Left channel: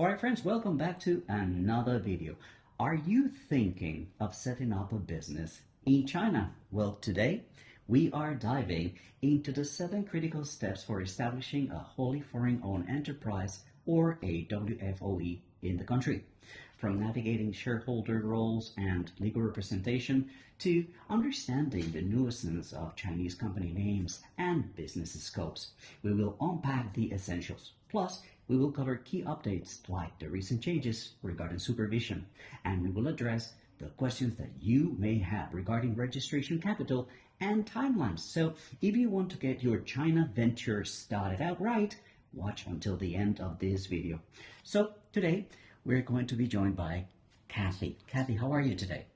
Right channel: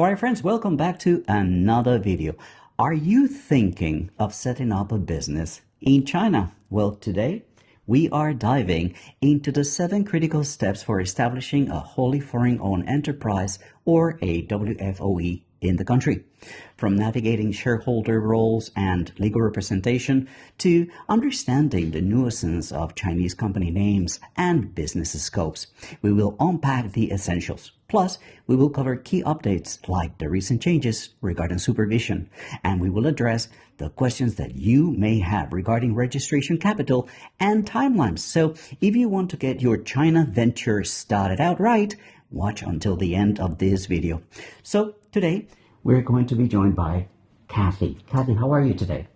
Alright friends, welcome back to another video. Are you thinking of setting up a business in China? Well, today we are diving into the 7 critical steps for establishing a wholly foreign-owned enterprise, or a WFOE, in the country. From navigating shareholder roles and legal representation to understanding the nuances of Chinese company names and business scopes, we will unpack the essentials. Plus, we will cover key updates like the recent changes regarding supervision, and we will address the questions that you may have regarding registration capital and timelines. So if you want to get your China venture started out right, watch until the end of this video. So today we're going to be joined by Kathy. Kathy, how are you today?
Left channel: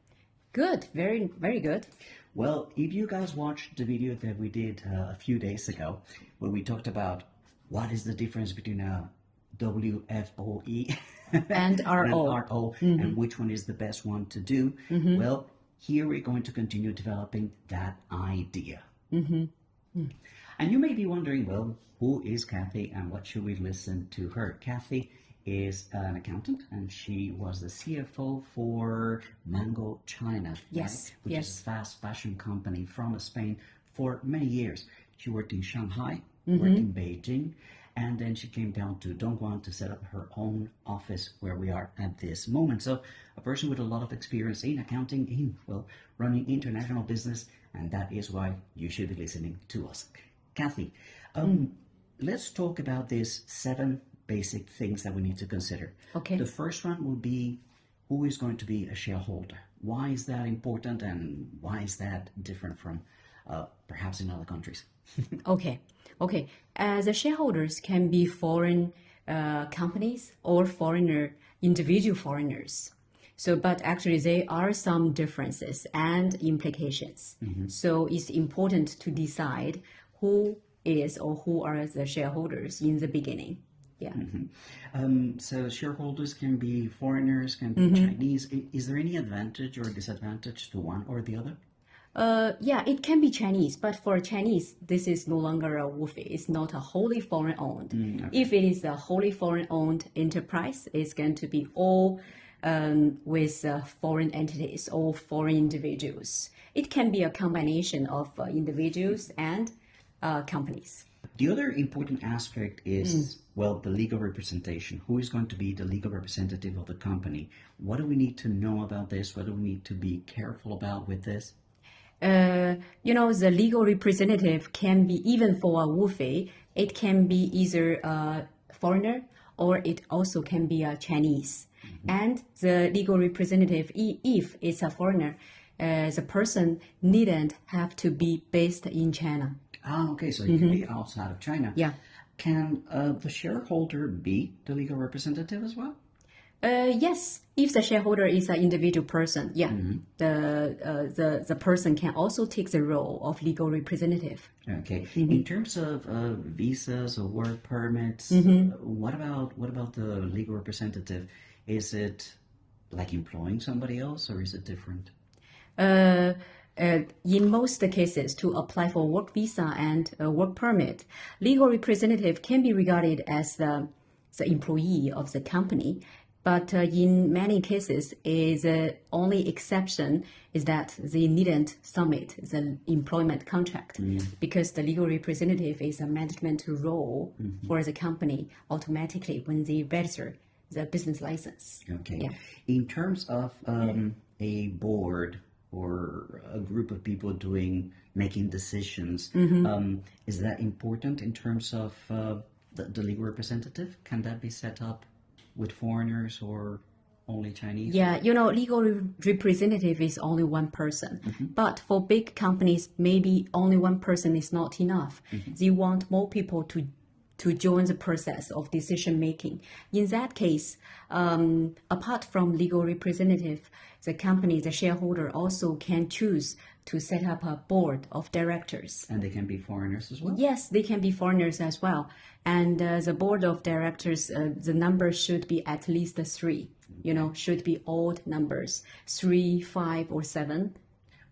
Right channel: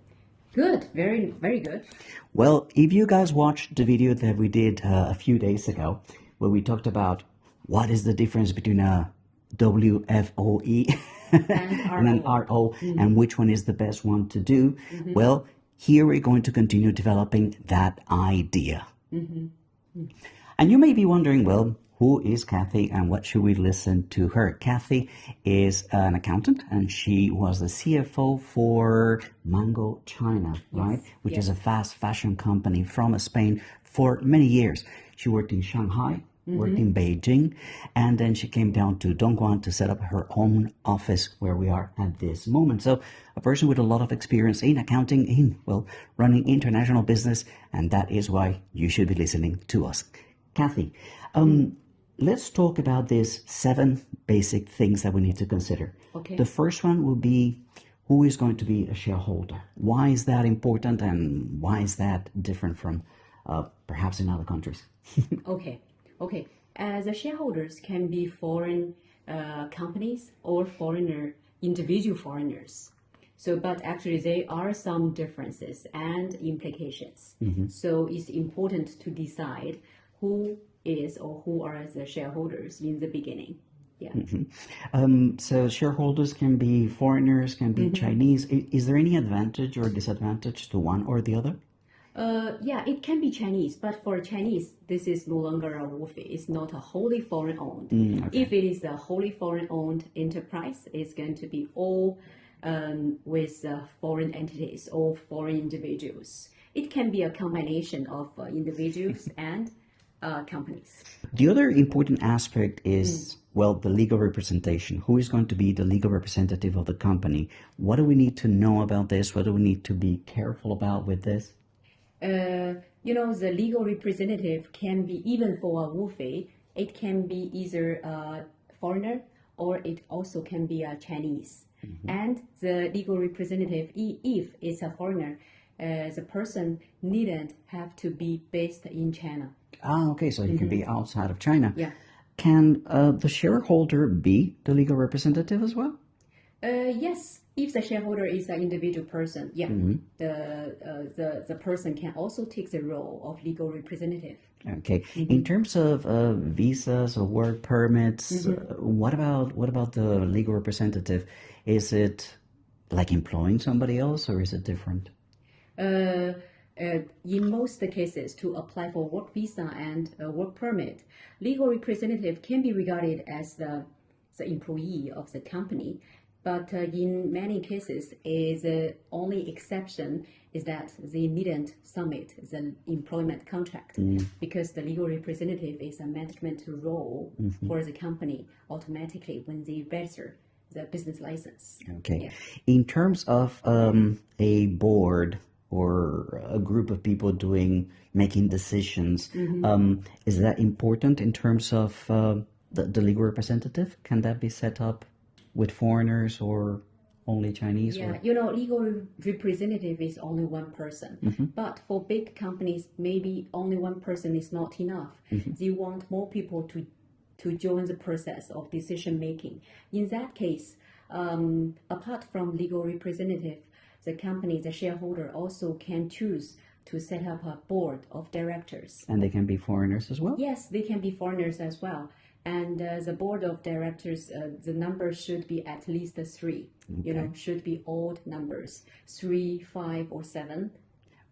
Good, very, very good. Well, if you guys watched the video that we did a few days ago, where we talked about what is the difference between a WFOE And and an RO, and which one is the best one to do, well, here we're going to continue developing that idea. And you may be wondering, well, who is Kathy and what should we listen to her? Kathy is an accountant and she was the CFO for Mango China, right? Which is a fast fashion company from Spain for many years. She worked in Shanghai, worked in Beijing, and then she came down to Dongguan to set up her own office where we are at this moment. So a person with a lot of experience in accounting, in, well, running international business, and that is why you should be listening to us. Kathy, let's talk about these 7 basic things that we need to consider. Okay. The first one will be, who is going to be a shareholder? Why is that important, and why is that different from perhaps in other countries? Okay. As the shareholders can be foreign companies or individual foreigners. So, but actually there are some differences and implications. So it's important to decide who is or who are the shareholders in the beginning. So shareholders can be foreigners, can be Chinese. Is there any advantage or disadvantage to one or the other? Yeah, it can be Chinese, but for Chinese, this is no longer a WFOE. It's not a wholly foreign-owned. If it is a wholly foreign-owned enterprise, it's going to be all with foreign entities or foreign individuals. It can be a combination of individuals and companies. The other important aspect is, well, the legal representation. Who is going to be the legal representative of the company? What do we need to know about this? What do we need to be careful about with this? The legal representative can be, even for a WFOE, it can be either a foreigner or it also can be a Chinese. And the legal representative, if it's a foreigner, the person needn't have to be based in China. Ah, okay, so it can be outside of China. Yeah. Can the shareholder be the legal representative as well? Yes, if the shareholder is an individual person, the person can also take the role of legal representative. Okay. In terms of visas or work permits, what about the legal representative? Is it like employing somebody else, or is it different? In most cases, to apply for work visa and work permit, legal representative can be regarded as the employee of the company. But in many cases, the only exception is that they needn't submit the employment contract because the legal representative is a management role for the company automatically when they register the business license. Okay. Yeah. In terms of a board or a group of people making decisions, is that important in terms of the legal representative? Can that be set up with foreigners or only Chinese? Yeah, legal representative is only one person. But for big companies, maybe only one person is not enough. They want more people to join the process of decision making. In that case, apart from legal representative, the shareholder also can choose to set up a board of directors. And they can be foreigners as well? Yes, they can be foreigners as well. And the board of directors, the number should be at least 3. Should be odd numbers, 3, 5, or 7.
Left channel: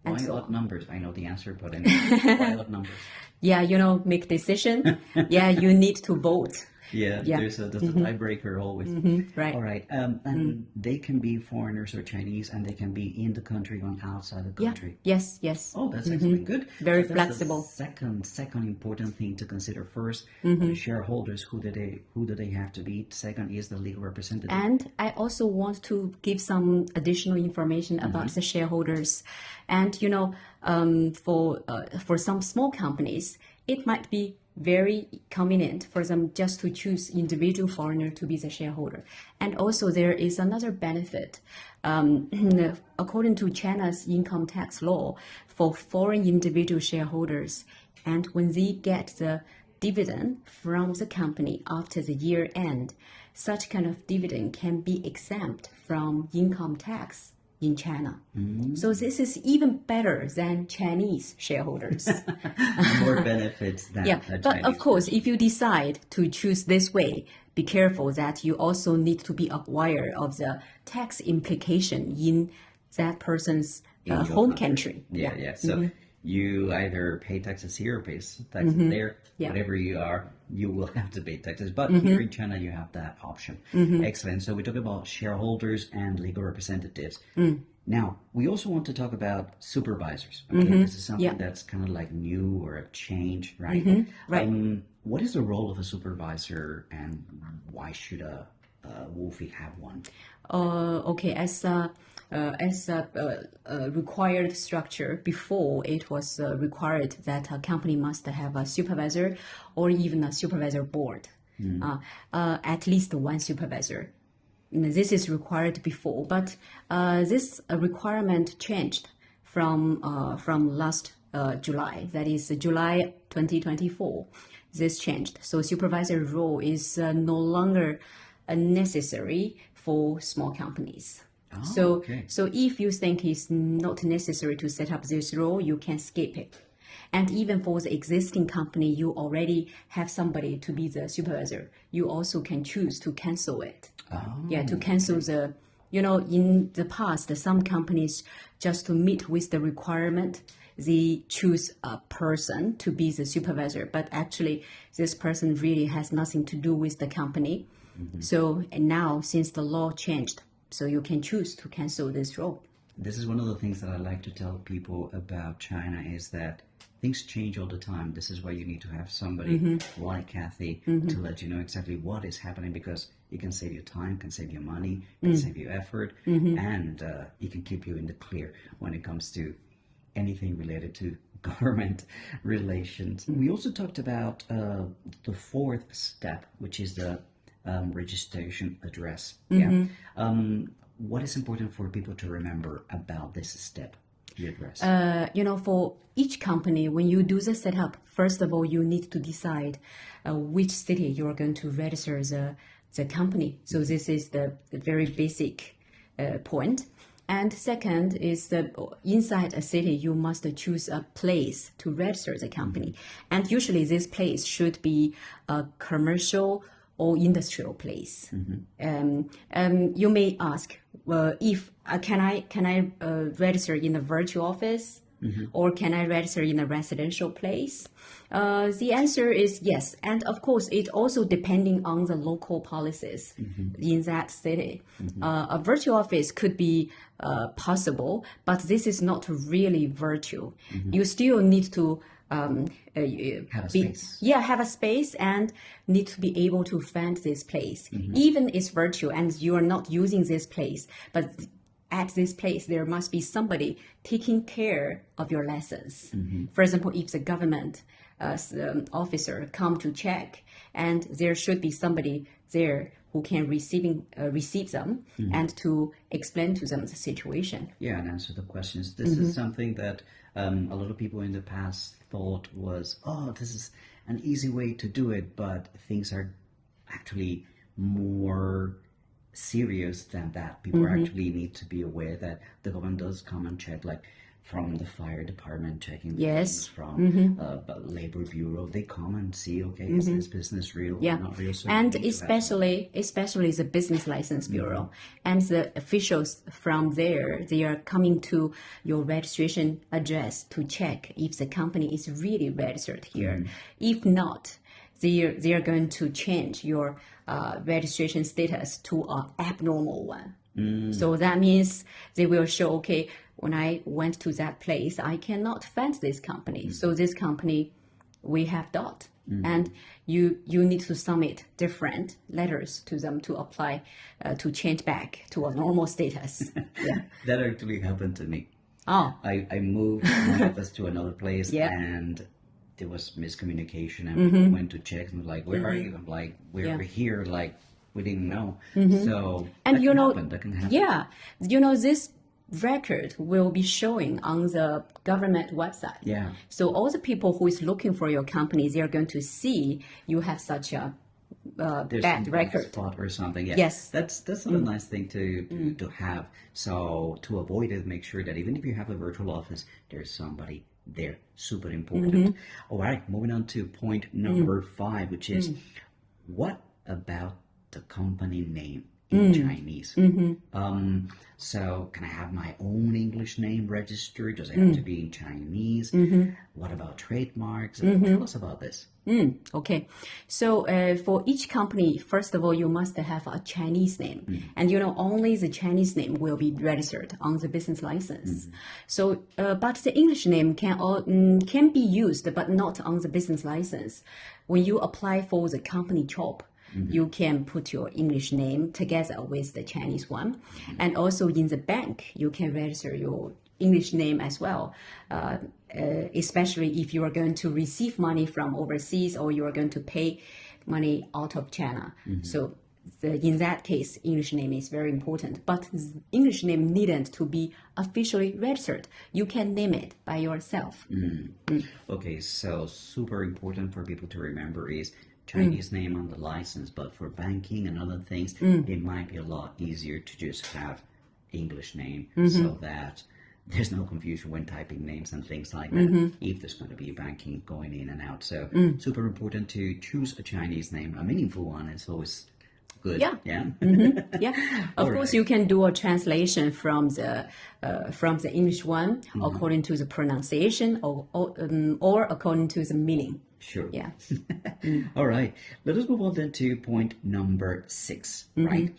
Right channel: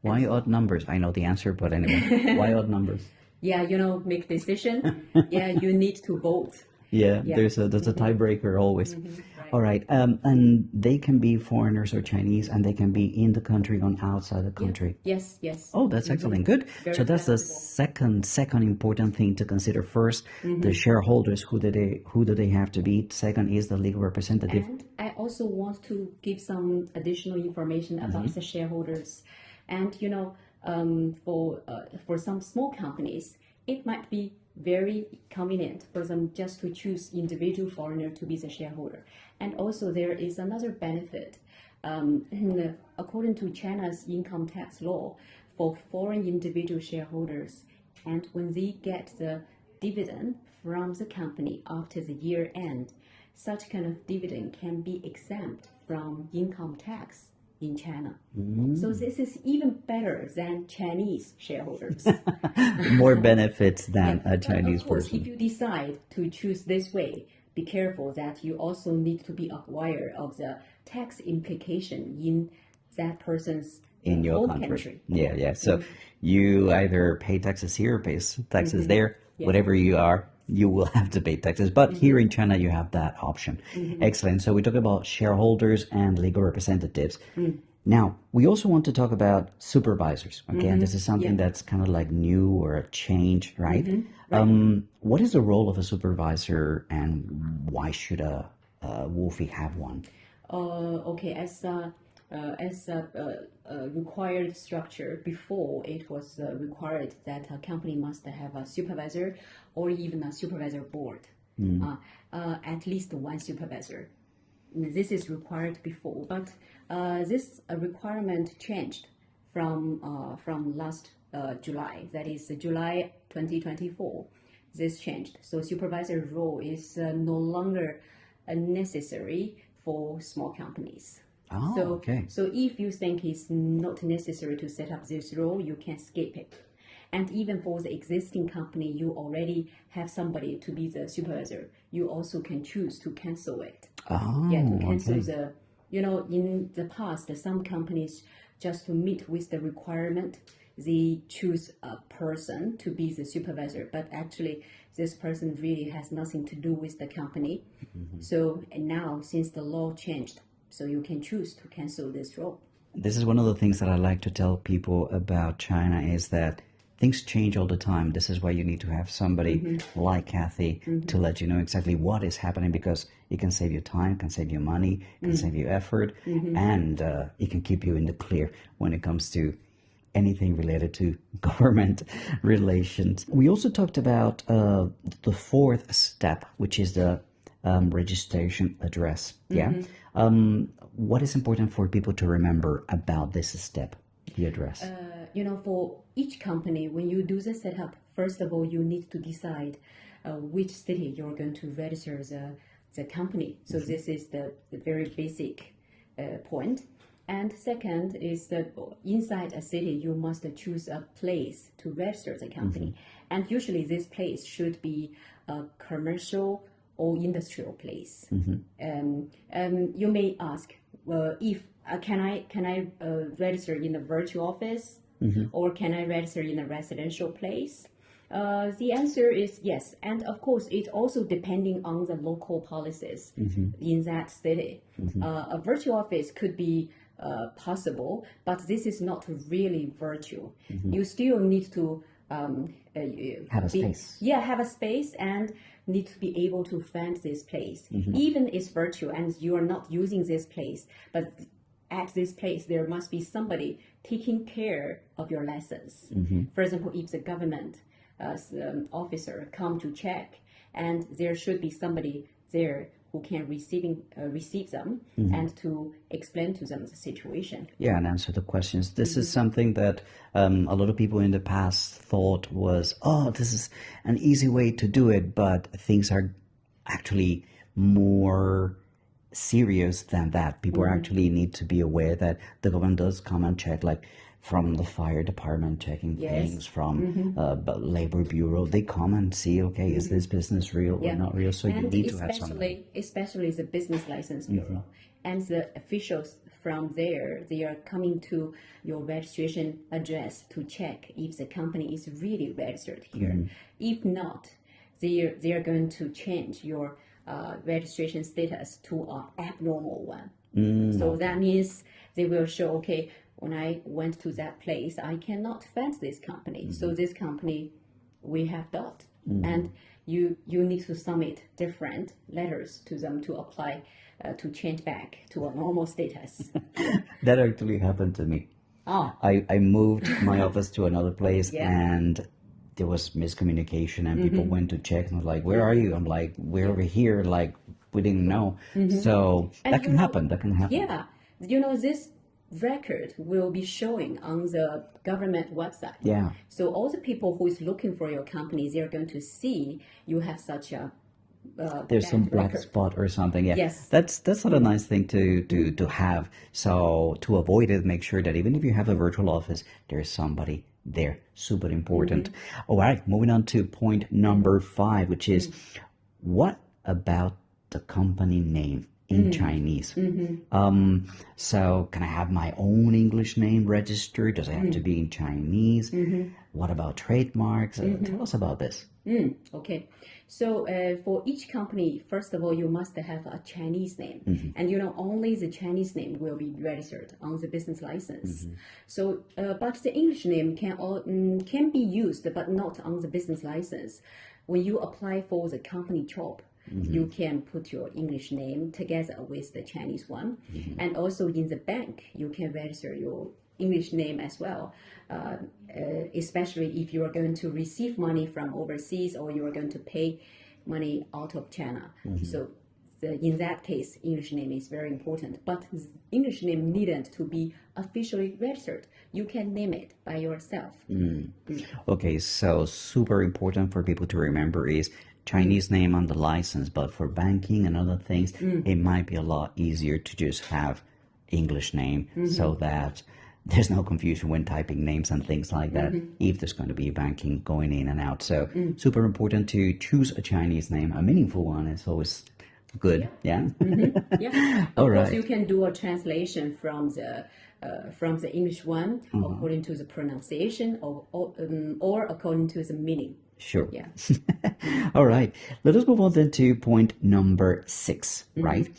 Why odd numbers? I know the answer, but anyway, why odd numbers? Yeah, make decision. Yeah, you need to vote. Yeah, Yeah. there's a tiebreaker always. Right. All right. And they can be foreigners or Chinese, and they can be in the country or outside the Yeah. country. Yes. Yes. Oh, that's excellent. Good. So Very that's the flexible. second important thing to consider. First, the shareholders, who do they have to be? Second is the legal representative. And I also want to give some additional information about the shareholders. And for some small companies, it might be very convenient for them just to choose individual foreigner to be the shareholder. And also there is another benefit. According to China's income tax law, for foreign individual shareholders, and when they get the dividend from the company after the year end, such kind of dividend can be exempt from income tax in China. So this is even better than Chinese shareholders. More benefits than Yeah, a but of Chinese course, person. if you decide to choose this way, be careful that you also need to be aware of the tax implication in that person's In your home country. country. Yeah. So you either pay taxes here or pay taxes there. Yeah. Whatever you are, you will have to pay taxes. But here in China, you have that option. Excellent. So we talk about shareholders and legal representatives. Now, we also want to talk about supervisors. Okay, this is something that's kind of like new or a change, right? Right. What is the role of a supervisor, and why should a Wolfie have one? Okay, as a required structure before, it was required that a company must have a supervisor or even a supervisor board, at least one supervisor. This is required before, but this requirement changed from last July. That is July 2024. This changed. So supervisor role is no longer necessary for small companies. Oh, okay. So if you think it's not necessary to set up this role, you can skip it. And even for the existing company, you already have somebody to be the supervisor. You also can choose to cancel it. Oh, Yeah, to cancel okay. in the past, some companies, just to meet with the requirement, they choose a person to be the supervisor, but actually this person really has nothing to do with the company. So, and now since the law changed, so you can choose to cancel this role. This is one of the things that I like to tell people about China is that things change all the time. This is why you need to have somebody like Kathy to let you know exactly what is happening, because it can save you time, can save you money, can save you effort, and it can keep you in the clear when it comes to anything related to government relations. We also talked about the fourth step, which is the registration address. Yeah. What is important for people to remember about this step, the address? For each company, when you do the setup, first of all, you need to decide which city you're going to register the company. So this is the very basic point. And second is that inside a city, you must choose a place to register the company. And usually this place should be a commercial or industrial place. You may ask, if can I register in a virtual office, or can I register in a residential place? The answer is yes, and of course it also depending on the local policies in that city. A virtual office could be possible, but this is not really virtual. You still need to Have a space. have a space and need to be able to find this place. Even it's virtual and you are not using this place, but at this place there must be somebody taking care of your lessons. For example, if the government officer come to check, and there should be somebody there who can receive them and to explain to them the situation. Yeah, and answer the questions. This is something that a lot of people in the past thought was, oh, this is an easy way to do it, but things are actually more serious than that. People actually need to be aware that the government does come and check, like from the fire department checking things, from the labor bureau, they come and see, okay, is this business real or not real? So And you need to have something. especially the business license bureau and the officials from there, they are coming to your registration address to check if the company is really registered here. If not, they are going to change your registration status to an abnormal one. So that means they will show, okay, when I went to that place, I cannot find this company. So this company, we have doubt. And you need to submit different letters to them to apply to change back to a normal status. That actually happened to me. Oh, I moved my office to another place Yeah. and there was miscommunication and people went to check and was like, where are you? I'm like, we're over here. Like, we didn't know. So And that can happen. That can happen. yeah, this record will be showing on the government website. Yeah. So all the people who is looking for your company, they are going to see you have such a There's some bad black record. spot or something. Yeah. Yes. That's not a nice thing to have. So to avoid it, make sure that even if you have a virtual office, there's somebody there. Super important. All right, moving on to point number 5, which is what about the company name in Chinese? So can I have my own English name registered? Does it have to be in Chinese? What about trademarks? Tell us about this. Okay, so for each company, first of all, you must have a Chinese name, and only the Chinese name will be registered on the business license. So, but the English name can be used, but not on the business license. When you apply for the company job, you can put your English name together with the Chinese one, and also in the bank, you can register your English name as well, especially if you are going to receive money from overseas or you are going to pay money out of China. So in that case, English name is very important. But English name needn't to be officially registered. You can name it by yourself. Okay, so super important for people to remember is Chinese name on the license, but for banking and other things, it might be a lot easier to just have English name so that there's no confusion when typing names and things like that if there's going to be banking going in and out. So super important to choose a Chinese name, a meaningful one. It's always good. Yeah. Yeah. Yeah. Of All course, right. you can do a translation from the English one according to the pronunciation or according to the meaning. Sure. Yeah. All right. Let us move on then to point number 6, right?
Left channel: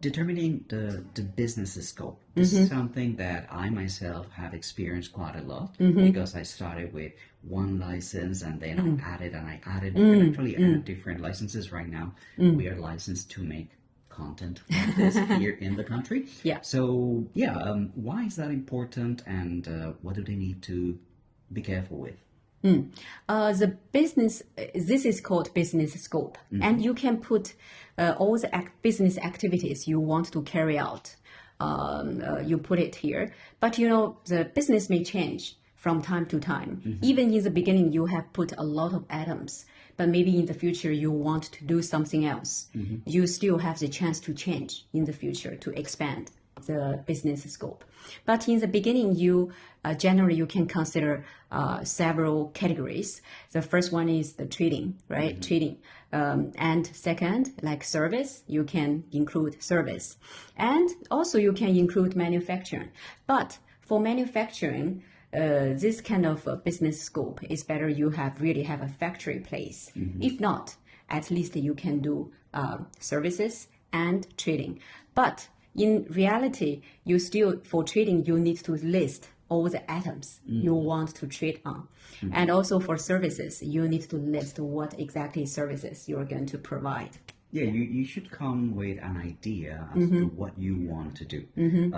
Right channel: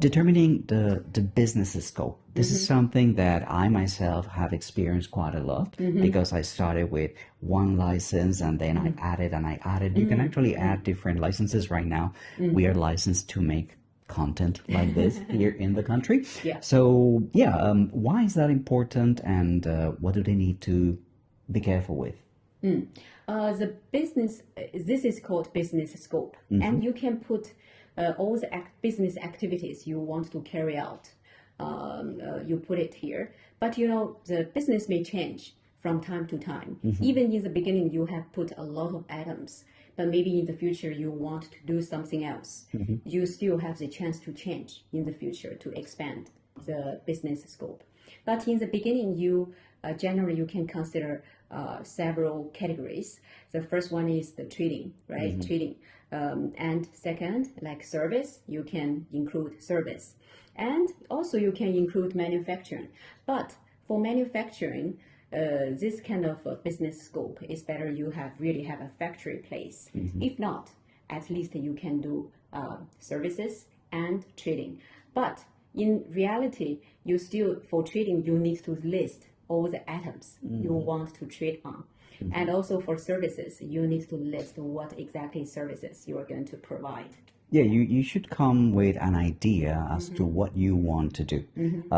Determining the business scope. This is something that I myself have experienced quite a lot because I started with one license and then I added and I added. You can actually add different licenses right now. We are licensed to make content like this here in the country. Yeah. So yeah, why is that important and what do they need to be careful with? The business, this is called business scope, and you can put all the business activities you want to carry out. You put it here, but the business may change from time to time. Even in the beginning, you have put a lot of items, but maybe in the future you want to do something else. You still have the chance to change in the future to expand the business scope. But in the beginning, generally you can consider several categories. The first one is the trading, right? Trading. And second, like service, you can include service. And also you can include manufacturing. But for manufacturing, this kind of business scope is better you really have a factory place. If not, at least you can do services and trading. But in reality, for trading, you need to list all the items you want to trade on. And also for services, you need to list what exactly services you are going to provide. Yeah, you should come with an idea as to what you want to do. You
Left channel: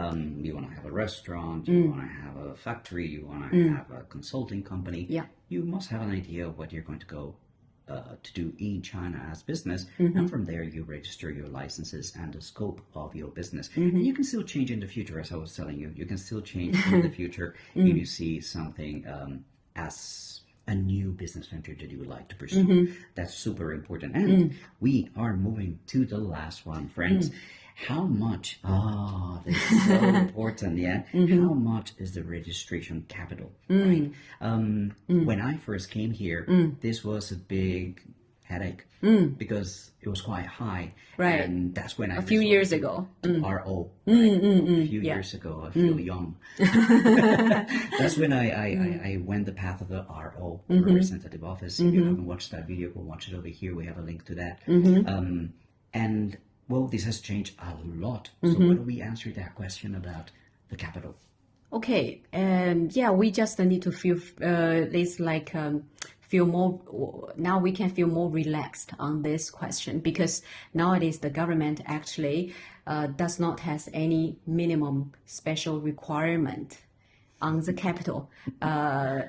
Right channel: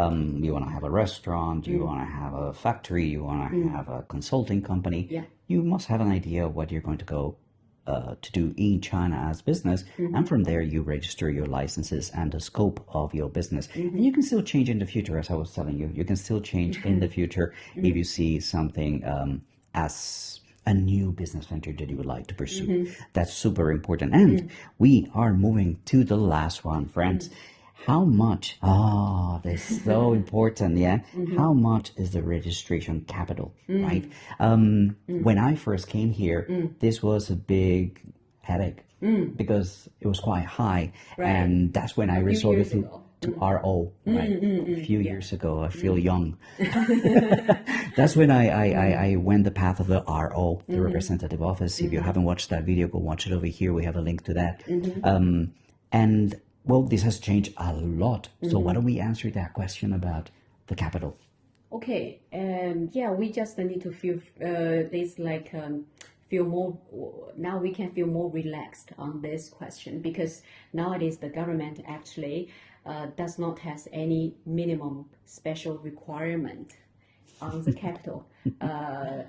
want to have a restaurant, you want to have a factory, you want to have a consulting company. Yeah. You must have an idea of what you're going to go to do in China as business, and from there you register your licenses and the scope of your business. And you can still change in the future, as I was telling you. You can still change in the future if you see something as a new business venture that you would like to pursue. That's super important. And we are moving to the last one, friends. How much? Oh, that's so important, yeah. How much is the registration capital, right? When I first came here, this was a big headache because it was quite high. Right. And that's when I A few resorted years to, ago. to RO, right? A few Yeah. years ago. I feel young. That's when I went the path of the RO, the representative office. If you haven't watched that video, go watch it over here. We have a link to that. And well, this has changed a lot. So why don't we answer that question about the capital? Okay, yeah, we just need to feel this like feel more. Now we can feel more relaxed on this question because nowadays the government actually does not has any minimum special requirement on the capital,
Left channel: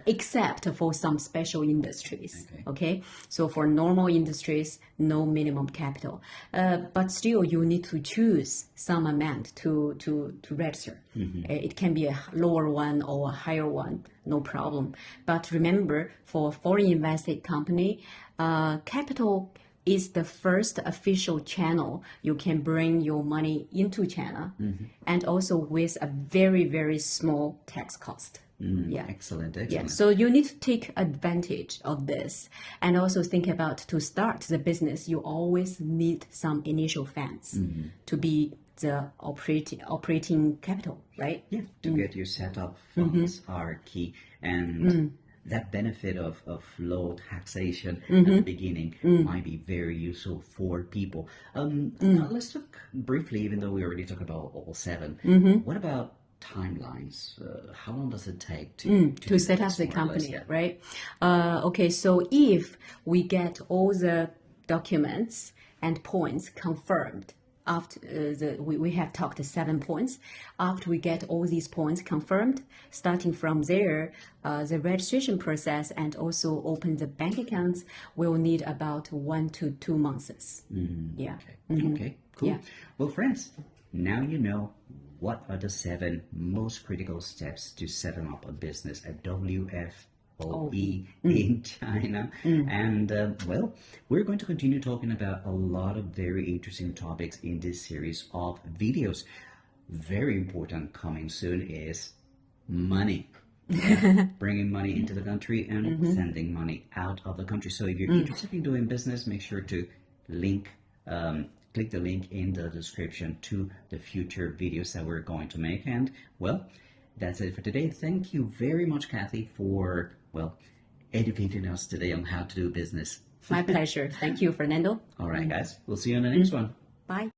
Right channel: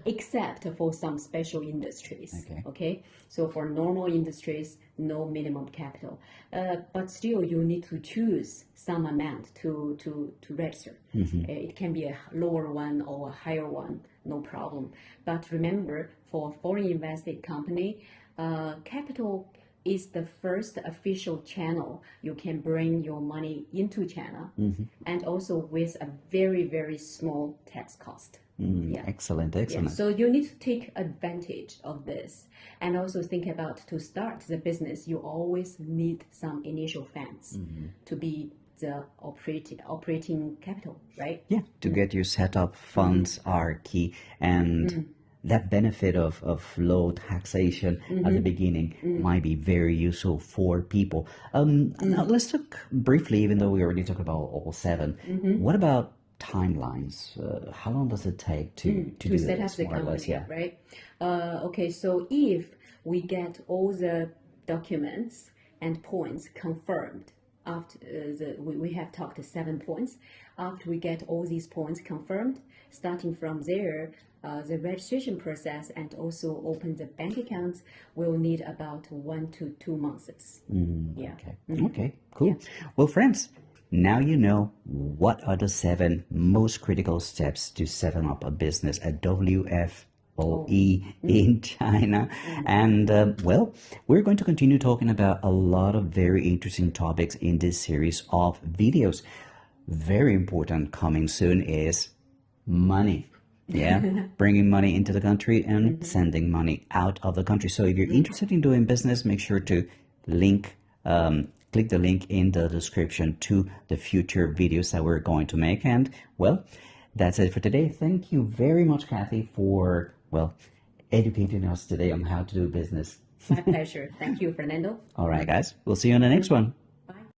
except for some special industries. Okay, so for normal industries, no minimum capital, but still you need to choose some amount to register. It can be a lower one or a higher one, no problem. But remember, for foreign invested company, capital is the first official channel you can bring your money into China, and also with a very, very small tax cost. Yeah. Excellent. Yeah. So you need to take advantage of this and also think about to start the business, you always need some initial funds to be the operating capital, right? Yeah. To get your setup, funds are key. And that benefit of low taxation at the beginning might be very useful for people. Now let's talk briefly, even though we already talked about all 7. What about timelines? How long does it take to set up the company, right? Okay, so if we get all the documents and points confirmed, after we have talked 7 points. After we get all these points confirmed, starting from there, the registration process and also open the bank accounts will need about 1 to 2 months. Yeah. Okay. Okay. Cool. Yeah. Well, friends, now you know what are the 7 most critical steps to setting up a business at WFOE in China. And well, we're going to continue talking about a lot of very interesting topics in this series of videos. Very important coming soon is money. Yeah, bringing money into the country and sending money out of the country. So if you're interested in doing business, make sure to click the link in the description to the future videos that we're going to make. And well, that's it for today. Thank you very much, Kathy, for, well, educating us today on how to do business. My pleasure. Thank you, Fernando. All right, guys. We'll see you on the next one. Bye.